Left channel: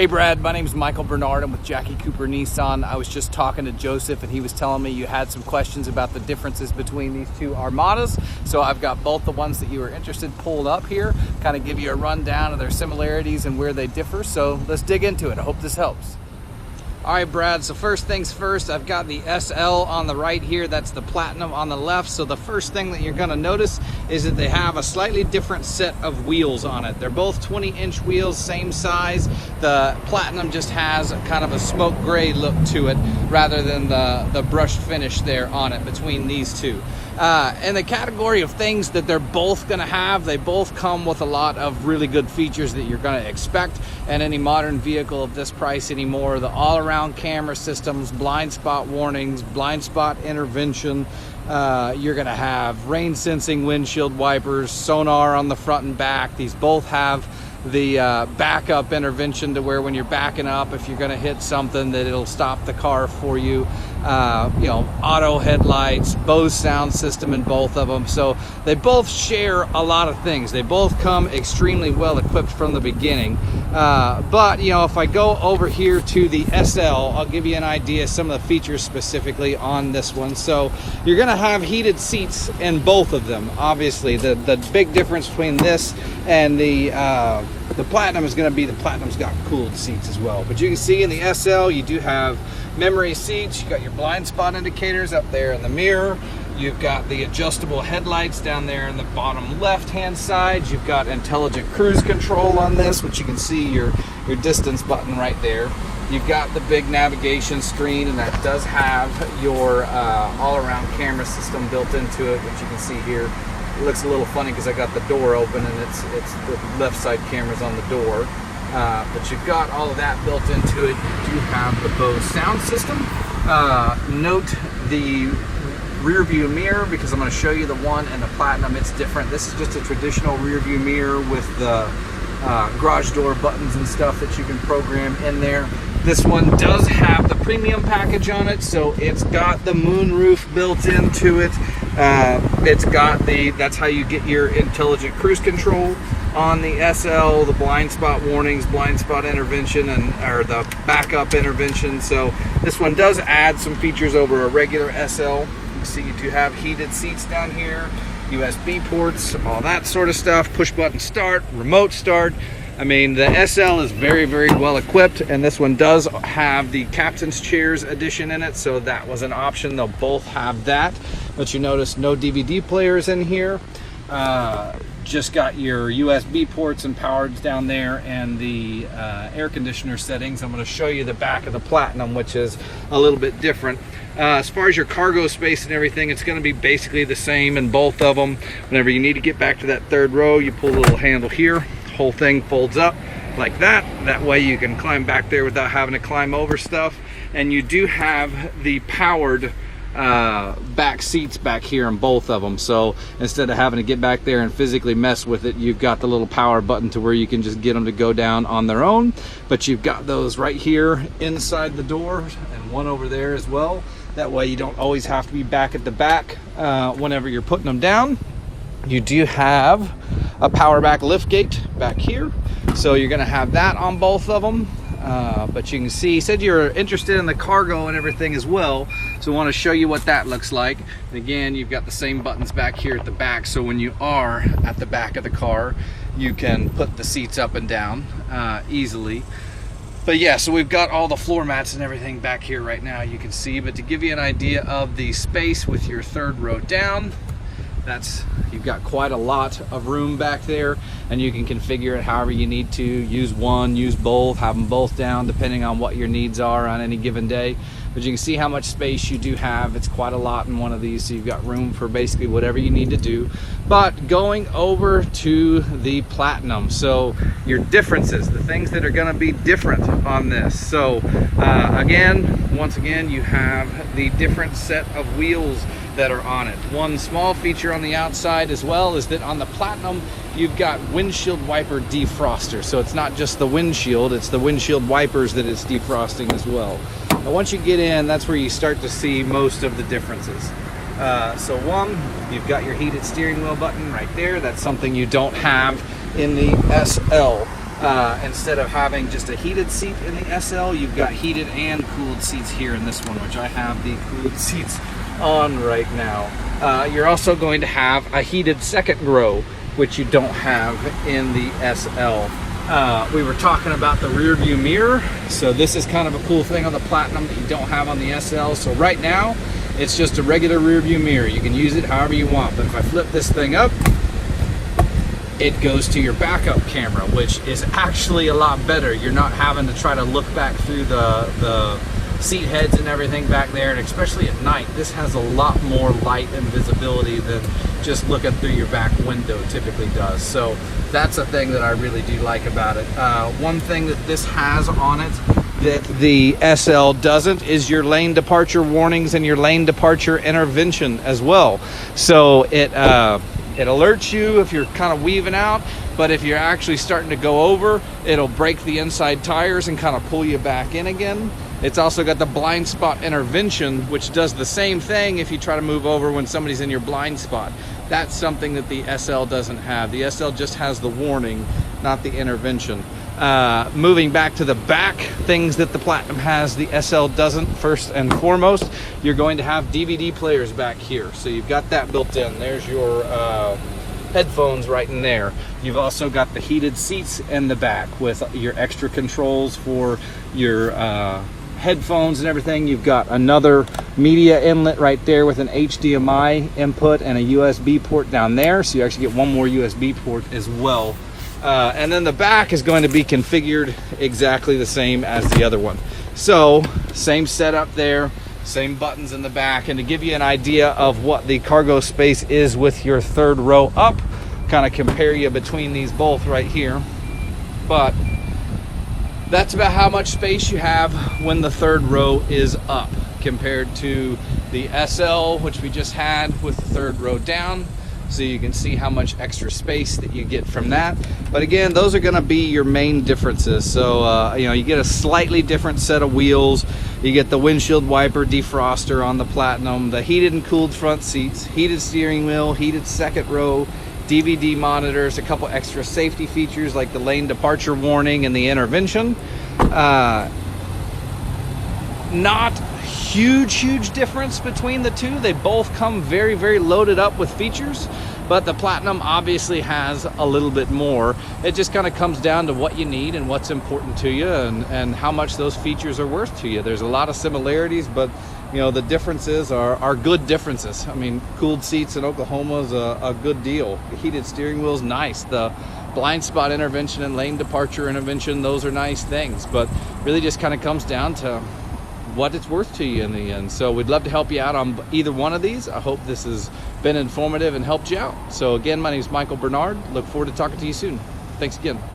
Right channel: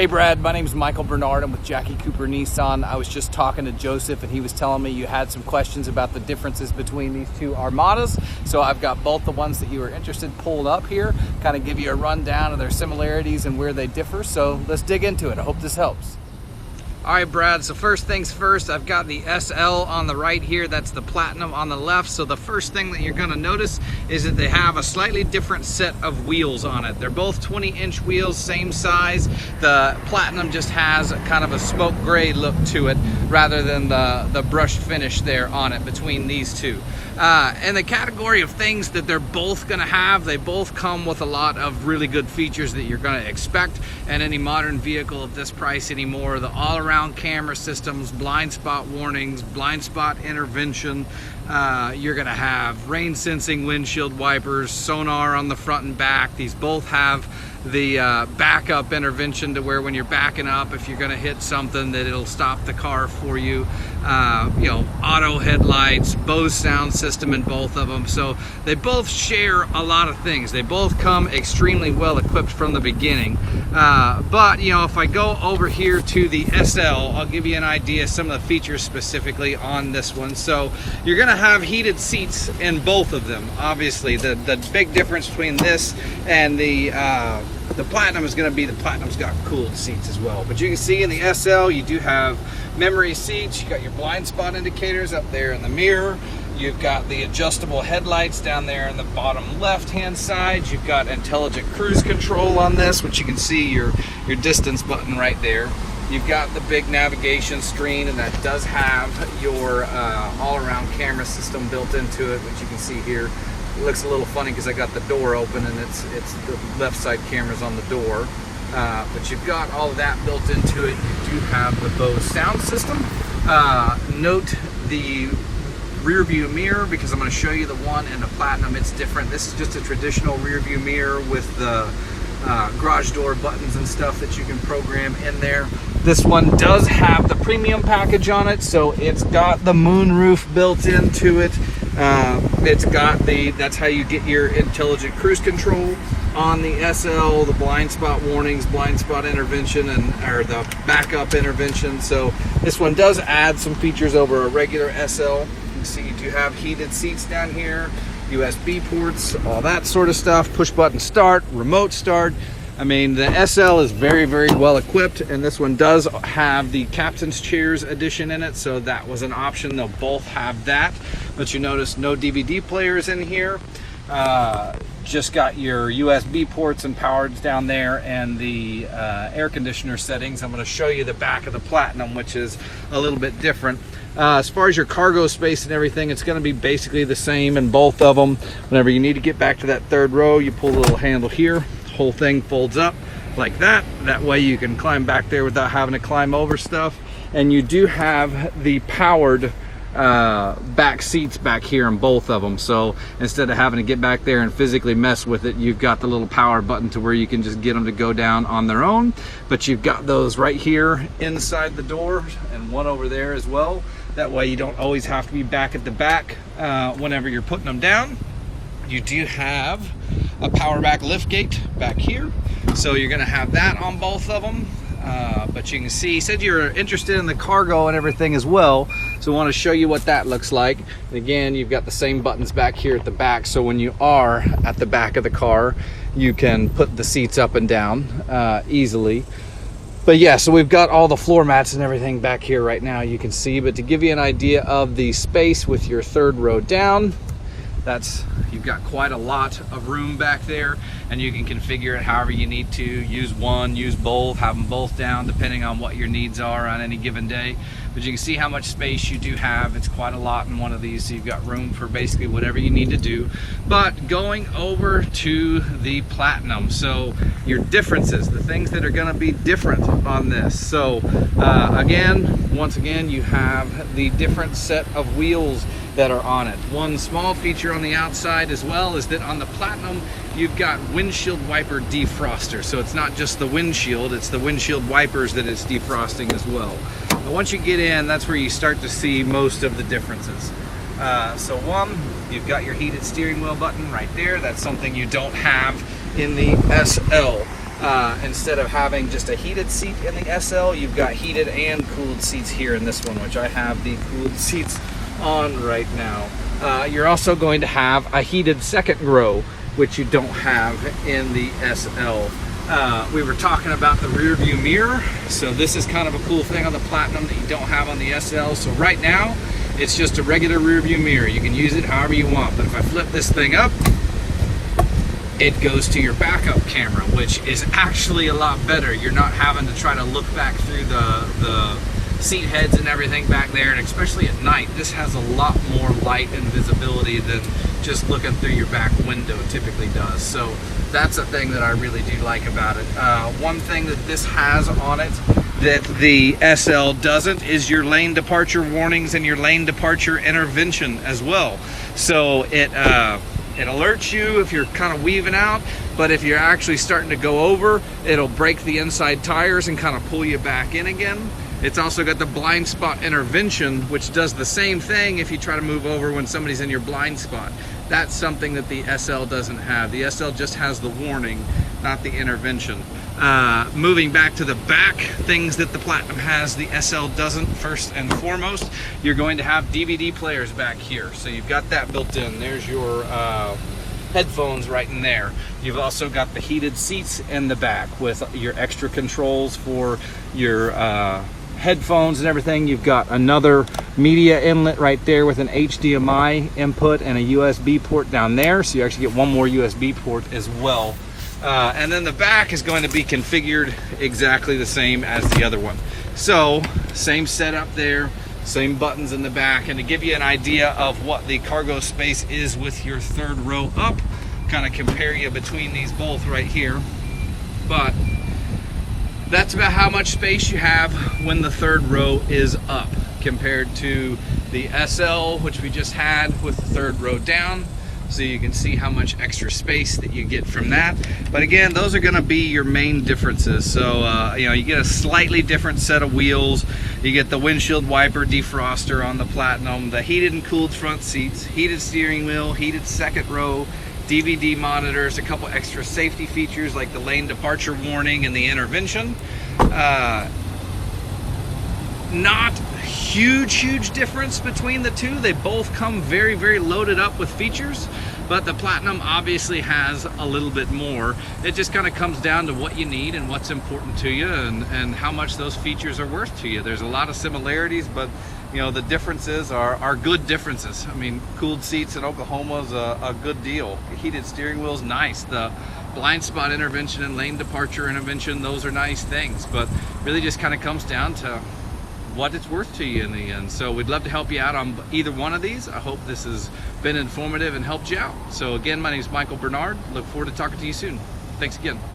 Hey Brad, my name's Michael Bernard. I'm with Jackie Cooper Nissan. I was just talking to Joseph and he was telling me you had some questions about the differences between these two Armadas. So I've got both the ones that you were interested pulled up here, kind of give you a rundown of their similarities and where they differ. So let's dig into it. I hope this helps. All right, Brad, so first things first, I've got the SL on the right here. That's the Platinum on the left. So the first thing that you're gonna notice is that they have a slightly different set of wheels on it. They're both 20-inch wheels, same size. The Platinum just has kind of a smoke gray look to it rather than the brushed finish there on it between these two. In the category of things that they're both gonna have, they both come with a lot of really good features that you're gonna expect in any modern vehicle of this price anymore. The all-around camera systems, blind spot warnings, blind spot intervention. You're gonna have rain sensing windshield wipers, sonar on the front and back. These both have the backup intervention to where when you're backing up, if you're gonna hit something, that it'll stop the car for you. You know, auto headlights, Bose sound system in both of them. So they both share a lot of things. They both come extremely well equipped from the beginning. But you know, if I go over here to the SL, I'll give you an idea of some of the features specifically on this one. So you're gonna have heated seats in both of them. Obviously, the big difference between this and the Platinum is going to be the Platinum's got cooled seats as well. But you can see in the SL, you do have memory seats. You got your blind spot indicators up there in the mirror. You've got the adjustable headlights down there in the bottom left-hand side. You've got intelligent cruise control on this, which you can see your distance button right there. You've got the big navigation screen, and that does have your all-around camera system built into it, which you can see here. It looks a little funny because I got the door open and it's the left side camera's on the door. But you've got all of that built into it. You do have the Bose sound system. Note the rear view mirror, because I'm going to show you the one in the Platinum. It's different. This is just a traditional rear view mirror with the garage door buttons and stuff that you can program in there. This one does have the premium package on it, so it's got the moonroof built into it. It's got that's how you get your intelligent cruise control on the SL, the blind spot warnings, blind spot intervention, or the backup intervention. So this one does add some features over a regular SL. You can see you do have heated seats down here, USB ports, all that sort of stuff, push button start, remote start. I mean, the SL is very, very well equipped, and this one does have the captain's chairs edition in it, so that was an option. They'll both have that, but you notice no DVD players in here. Just got your USB ports and powers down there, and the air conditioner settings. I'm going to show you the back of the Platinum, which is a little bit different. As far as your cargo space and everything, it's going to be basically the same in both of them. Whenever you need to get back to that third row, you pull the little handle here. Whole thing folds up like that. That way you can climb back there without having to climb over stuff. And you do have the powered back seats back here in both of them, so instead of having to get back there and physically mess with it, you've got the little power button to where you can just get them to go down on their own. But you've got those right here inside the door, and one over there as well. That way you don't always have to be back at the back whenever you're putting them down. You do have a power back lift gate back here, so you're going to have that on both of them. But you can see, he said you're interested in the cargo and everything as well, so I want to show you what that looks like. And again, you've got the same buttons back here at the back, so when you are at the back of the car, you can put the seats up and down easily. But yeah, so we've got all the floor mats and everything back here right now, you can see. But to give you an idea of the space with your third row down, you've got quite a lot of room back there, and you can configure it however you need to. Use one, use both, have them both down depending on what your needs are on any given day. But you can see how much space you do have. It's quite a lot in one of these, so you've got room for basically whatever you need to do. But going over to the Platinum, so your differences, the things that are going to be different on this. So once again, you have the different set of wheels that are on it. One small feature on the outside as well is that on the Platinum, you've got windshield wiper defroster. So it's not just the windshield, it's the windshield wipers that it's defrosting as well. Now once you get in, that's where you start to see most of the differences. So one, you've got your heated steering wheel button right there. That's something you don't have in the SL. Instead of having just a heated seat in the SL, you've got heated and cooled seats here in this one, which I have the cooled seats on right now. You're also going to have a heated second row, which you don't have in the SL. We were talking about the rear view mirror. So this is kind of a cool thing on the Platinum that you don't have on the SL. So right now, it's just a regular rear view mirror. You can use it however you want, but if I flip this thing up, it goes to your backup camera, which is actually a lot better. You're not having to try to look back through the seat heads and everything back there, and especially at night, this has a lot more light and visibility than just looking through your back window typically does. So that's a thing that I really do like about it. One thing that this has on it that the SL doesn't is your lane departure warnings and your lane departure intervention as well. So it alerts you if you're kind of weaving out, but if you're actually starting to go over, it'll break the inside tires and kind of pull you back in again. It's also got the blind spot intervention, which does the same thing if you try to move over when somebody's in your blind spot. That's something that the SL doesn't have. The SL just has the warning, not the intervention. Moving back to the back, things that the Platinum has, the SL doesn't. First and foremost, you're going to have DVD players back here. So you've got that built in. There's your headphones right in there. You've also got the heated seats in the back with your extra controls for your headphones and everything. You've got another media inlet right there with an HDMI input and a USB port down there. So you actually get one more USB port as well. And then the back is going to be configured exactly the same as the other one. So same setup there, same buttons in the back. And to give you an idea of what the cargo space is with your third row up, kind of compare you between these both right here. But that's about how much space you have when the third row is up compared to the SL, which we just had with the third row down. So you can see how much extra space that you get from that. But again, those are gonna be your main differences. So, you know, you get a slightly different set of wheels. You get the windshield wiper defroster on the Platinum, the heated and cooled front seats, heated steering wheel, heated second row, DVD monitors, a couple extra safety features like the lane departure warning and the intervention. Not huge difference between the two. They both come very loaded up with features, but the Platinum obviously has a little bit more. It just kind of comes down to what you need and what's important to you and how much those features are worth to you. There's a lot of similarities, but you know, the differences are good differences. I mean, cooled seats in Oklahoma is a good deal. The heated steering wheel is nice. The blind spot intervention and lane departure intervention, those are nice things, but really just kind of comes down to what it's worth to you in the end. So we'd love to help you out on either one of these. I hope this has been informative and helped you out. So again, my name is Michael Bernard. Look forward to talking to you soon. Thanks again.